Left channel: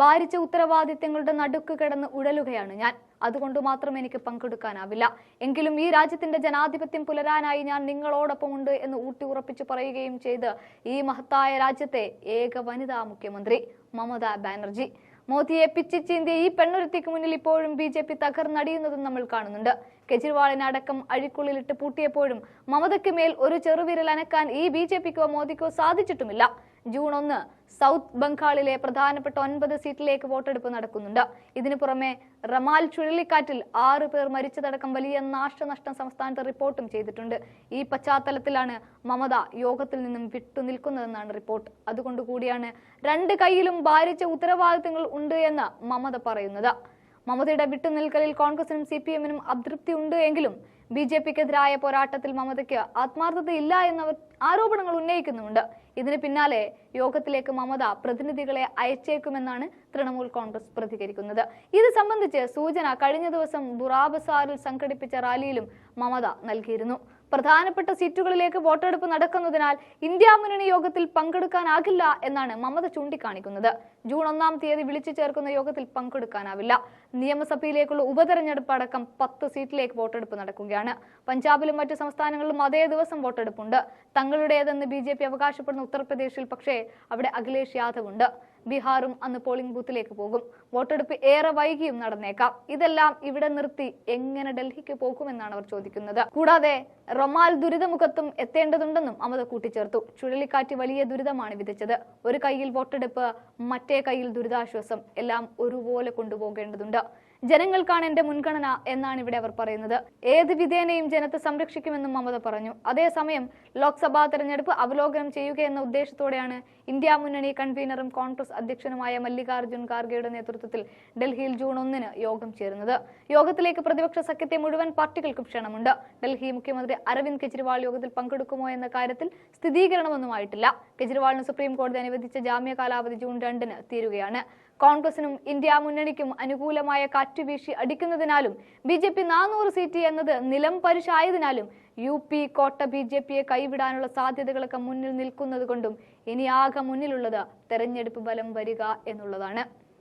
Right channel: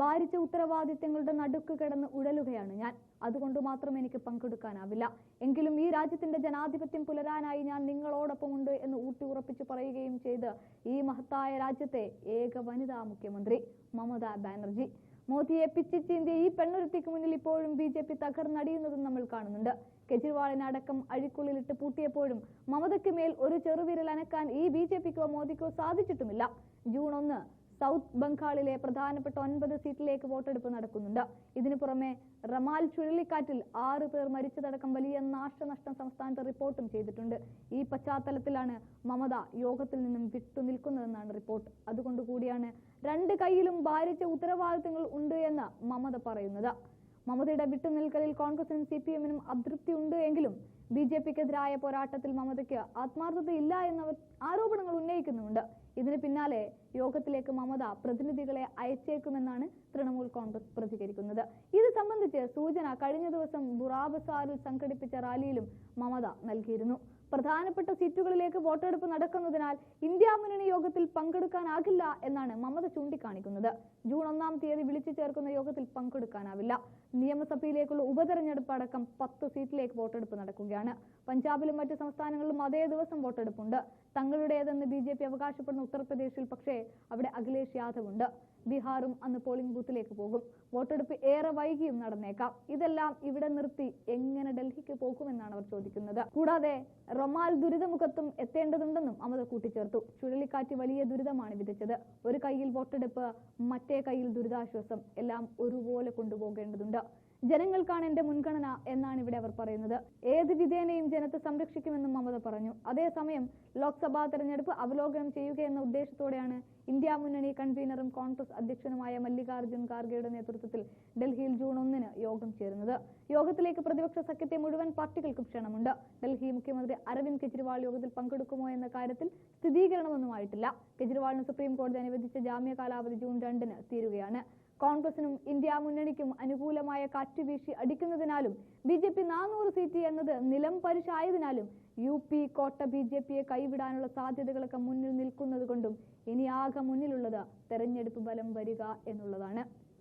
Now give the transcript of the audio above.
ഭാരിച്ച ഉത്തരവാദിത്തങ്ങളുടെ നടുക്ക് കിടന്ന് ഉഴലുകയാണ് ഞാൻ. അതുകൊണ്ട് മാത്രം എനിക്ക് പങ്കെടുക്കാനാവില്ല. എങ്കിലും ഈ രാജ്യത്തിന്റെ ജനാധിപത്യം പുലരാനായി ഞാൻ നിങ്ങളോടൊപ്പമുണ്ട് എന്ന് ഊട്ടി ഉറപ്പിച്ചു പറയുകയും ചെയ്ത് ഈ മഹത്തായ രാജ്യത്തെ ഏക വനിതാ മുഖ്യമന്ത്രി മമതാ ബാനർജി. മോദിയെ പിച്ചിച്ചീന്തിയ ഈ പെണ്ണൊരുത്തിക്ക് മുന്നിൽ ഇപ്പോഴും BJP തകർന്നടിയുന്നതും നമ്മൾ കാണുന്നുണ്ട്. കെജ്രിവാളിനെ അടക്കം അഴിക്കുള്ളിലിട്ട് പൂട്ടിയപ്പോഴും മമതയ്ക്ക് മേൽ ഒരു ചെറുവിരൽ അനക്കാൻ ഈ BJPക്കോ മോദിക്കോ സാധിച്ചിട്ടുമില്ല. ജൂൺ 1 സൗത്ത് ബംഗാളിലെ പ്രധാനപ്പെട്ട 9 സീറ്റിലേക്ക് വോട്ടെടുപ്പ് നടക്കുന്നുണ്ട്. ഇതിനു പുറമെ റമാൽ ചുഴലിക്കാറ്റിൽ 6 പേർ മരിച്ചതടക്കം വലിയ നാശനഷ്ടം സംസ്ഥാനത്ത് റിപ്പോർട്ടും ചെയ്തിട്ടുണ്ട്. ഈ പശ്ചാത്തലത്തിലാണ് മമത യോഗത്തിൽ നിന്നും വിട്ടുനിൽക്കുന്നതെന്നാണ് റിപ്പോർട്ട്. അതുകൊണ്ടുകൂടിയാണ് 2 കൈയിലും ഭാരിച്ച ഉത്തരവാദിത്തങ്ങൾ ഉണ്ട് എന്ന് മമത പറയുന്നത്. മമതയുടെ വിട്ടുനിൽക്കലിൽ കോൺഗ്രസിനും CPM-നും അതൃപ്തി ഉണ്ട് എങ്കിലും BJPക്കെതിരായ പോരാട്ടത്തിൽ മമതയ്ക്ക് ആത്മാർത്ഥതയില്ല എന്നവർ ആരോപണങ്ങൾ ഉന്നയിക്കുന്നുമുണ്ട്. ഇതിന് പിന്നാലെ യോഗത്തിലേക്ക് മമത പ്രതിനിധികളെ അയച്ചേക്കുമെന്നാണ് തൃണമൂൽ കോൺഗ്രസ് പ്രതികരിക്കുന്നത്. ഇത് സംബന്ധിച്ച് സൂചന കഴിഞ്ഞ ദിവസം ബുറാബസാറിൽ സംഘടിപ്പിച്ച റാലിയിലും മമത നൽകിയിരുന്നു. പ്രധാനപ്പെട്ട സീറ്റുകളിലേക്ക് വോട്ടെടുപ്പ് നടക്കുന്നതിനാൽ ഇന്ത്യ മുന്നണി യോഗത്തിൽ പങ്കെടുക്കാനാകില്ല എന്നാണ് മമത ചൂണ്ടിക്കാണിക്കുന്നത്. ജൂൺ 1-ാം തീയതി വിളിച്ചു ചേർക്കുന്ന യോഗത്തിൽ പങ്കെടുക്കാനാവില്ല. നിയമസഭയിലേക്കുള്ള ഉപതെരഞ്ഞെടുപ്പ് അടക്കം 10 സീറ്റിലേക്ക് വോട്ടെടുപ്പ് നടക്കുകയാണ്. പഞ്ചാബിലും മറ്റു സംസ്ഥാനങ്ങളിലും അതേ ദിവസം വോട്ടെടുപ്പുണ്ട്. തങ്ങളുടേതെന്ന് BJP അവകാശപ്പെടുന്ന ഉത്തർപ്രദേശിൽ പക്ഷേ അവിടെ അഖിലേഷ് യാദവ് ഉണ്ട്. ബീഹാറും അന്ന് പോളിംഗ് ബൂത്തിലേക്ക് പോകും. വോട്ടെടുപ്പ് ഏറെ വൈകിയും നടന്നേക്കാം. ഇതെല്ലാം ഇവിടെ നിർത്തി എങ്ങനെ ഡൽഹിക്ക് പോകുമെന്നാണ് അവർ ചോദിക്കുന്നത്. കൂടാതെ റമാൽ ദുരിതമുഖത്തും എത്തേണ്ടതുണ്ടെന്നും മമത കൂട്ടിച്ചേർത്തു. ചുഴലിക്കാറ്റ് വലിയ ദുരിതമാണ് വിതച്ചത്. ഒരു കൈയിൽ വോട്ടെടുപ്പ്, മറ്റേ കൈയിൽ ദുരിതാശ്വാസം, എല്ലാം ഒരുപോലെ കൊണ്ടുപോകേണ്ടതുണ്ട്. ജനങ്ങൾക്കാണ് എന്റെ മുൻഗണന എന്നാണ് ഇവിടെ അവർ പറയുന്നത്. ഏത് വിധേനയും ജനത്തെ സംരക്ഷിക്കുമെന്നും മമത പറഞ്ഞു. അതേസമയം ലോക്സഭാ തെരഞ്ഞെടുപ്പ് അവലോകനം ചെയ്യുക എന്ന ഉദ്ദേശത്തോടെയാണ് ഇന്ത്യ മുന്നണി കൺവീനറും കോൺഗ്രസ് അധ്യക്ഷനുമായ മല്ലികാർജ്ജുൻ ഖാർഗെയുടെ നേതൃത്വത്തിൽ ഡൽഹിയിൽ ജൂൺ 1-ന് യോഗം ചേരുന്നത്. യോഗത്തിലേക്ക് പ്രതിപക്ഷ സഖ്യത്തെ മുഴുവൻ പാർട്ടികൾക്കും ക്ഷണമുണ്ട്. ഡൽഹി മുഖ്യമന്ത്രി അരവിന്ദ് കെജ്രിവാൾ യോഗത്തിൽ പങ്കെടുക്കുമോ എന്ന കാര്യത്തിൽ സ്ഥിരീകരണമൊന്നുമായിട്ടില്ല. കെജ്രിവാളിന് സുപ്രീം കോടതി അനുവദിച്ച ജാമ്യ കാലാവധി ജൂൺ 2-ന് തീരുകയാണ്. കോൺഗ്രസിനും ഇന്ത്യ മുന്നണിക്കും അനുകൂലമായ കാറ്റുവീശി അടിക്കുന്നതിനാലും BJP 400 സീറ്റ് എന്നത് നിലം പരിശായതിനാലും UP കോട്ട BJPയെ കൈവിടാനുള്ള സാധ്യതകളൊക്കെ മുന്നിൽ നിൽക്കുന്നത് കൊണ്ടും ഇനി ആകെ മുന്നിലുള്ളത് തെരഞ്ഞെടുപ്പ് ഫലം വരിക എന്നുള്ളതാണ്.